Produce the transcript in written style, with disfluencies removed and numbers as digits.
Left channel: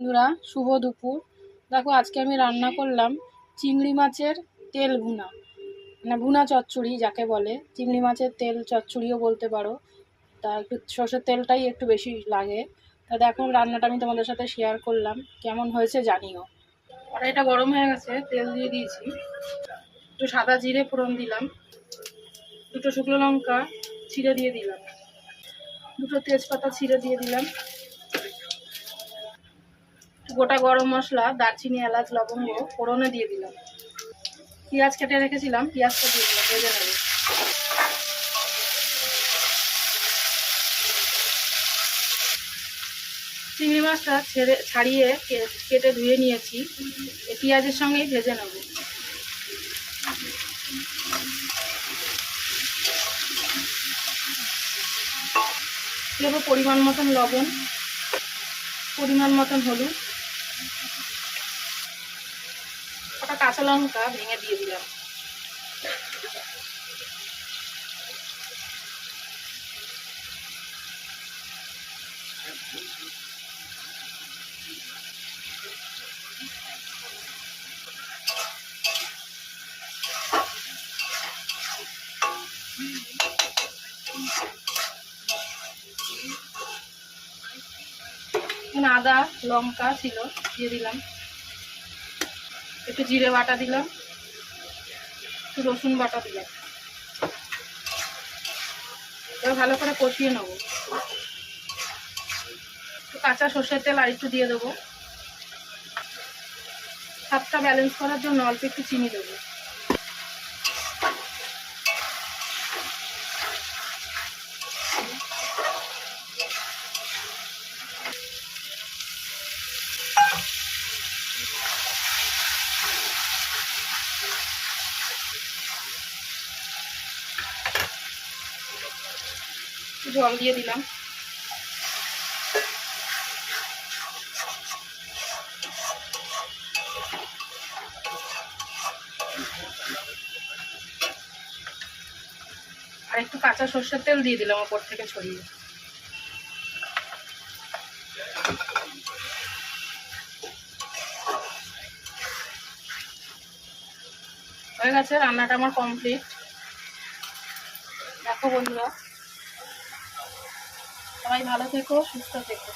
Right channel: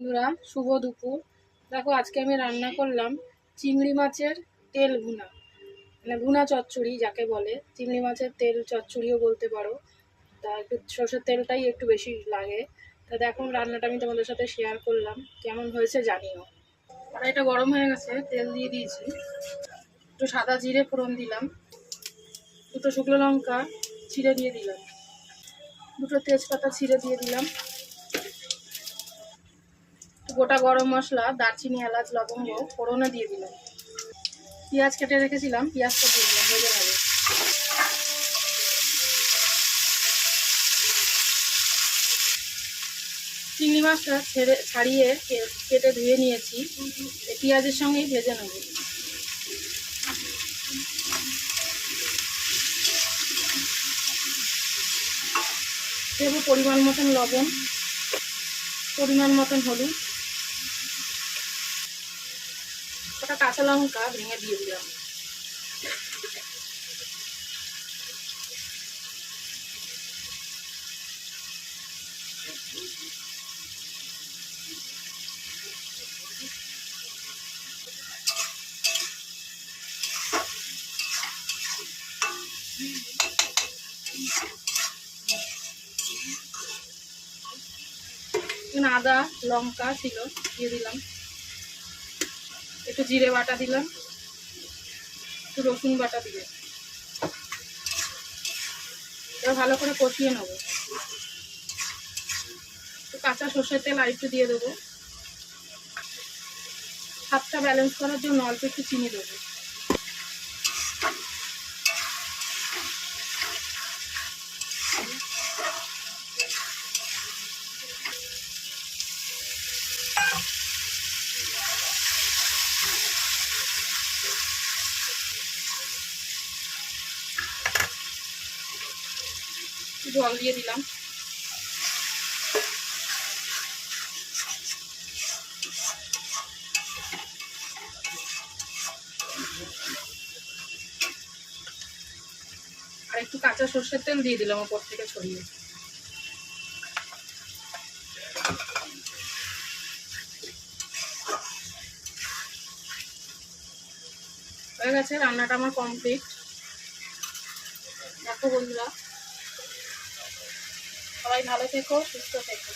বন্ধুরা, শুভ দুপুর। দেখো, আজকে আমি রান্না করলাম চিংড়ি মাছের তেল ভুনা, মানে ভুনা চচ্চড়ি যাকে বলে। চিংড়ি মাছের তেল চচ্চড়িও বলতে পারো। তা একটু সর্ষের তেলটাই একটু বেশি লাগে। তা দেখো, রান্নাটা আমি তোমাদের সাথে শেয়ার করলাম, কেমন হয়েছে জানিও। কড়াইটা গরম হয়ে গেছে, তেল দিয়ে দিয়েছি। একটু সাদা জিরে ফোড়ন দিলাম, দুটো শুকনো লঙ্কা ছিঁড়ে দিয়ে দিলাম, দুটো তেজপাতা ছিঁড়ে দিয়ে দিলাম, গোটা গরম মশলা, দারচিনি, এলাচ, লবঙ্গ ফোড়নে দিয়ে দিলাম। পেঁয়াজ কেটে রেখেছিলাম, পেঁয়াজটা দিয়ে দিলাম, ভেজে নেব। চিংড়ি মাছটা ছাড়িয়ে কেটে ধুয়ে নিয়েছি, পেঁয়াজের সঙ্গেই ভেজে নেব। দেব পরিমাণ মতন লবণ, পরিমাণ মতন হলুদ, ওটা কাঁচা লঙ্কা ভেঙে দিয়ে দিলাম। আদা লঙ্কা ছিল, দিয়ে দিলাম। একটু জিরে বাটা দিলাম, একটু রসুন বাটা দিলাম। এবার ভালো করে কষিয়ে নেবো। একটু কাঁচা সর্ষের তেল আর একটু দিয়ে দেবো। স্বাদটা ব্যালেন্স করার জন্য অল্প একটু চিনি দেবো। জল দিয়ে দিলাম। আর একটু কাঁচা সর্ষের তেল দিয়ে দিলাম ওপর থেকে ছড়িয়ে। হয়ে গেছে, রান্নাটা আমার কমপ্লিট। দেখো বন্ধুরা, সবাই ভালো থেকো, সুস্থ থেকো।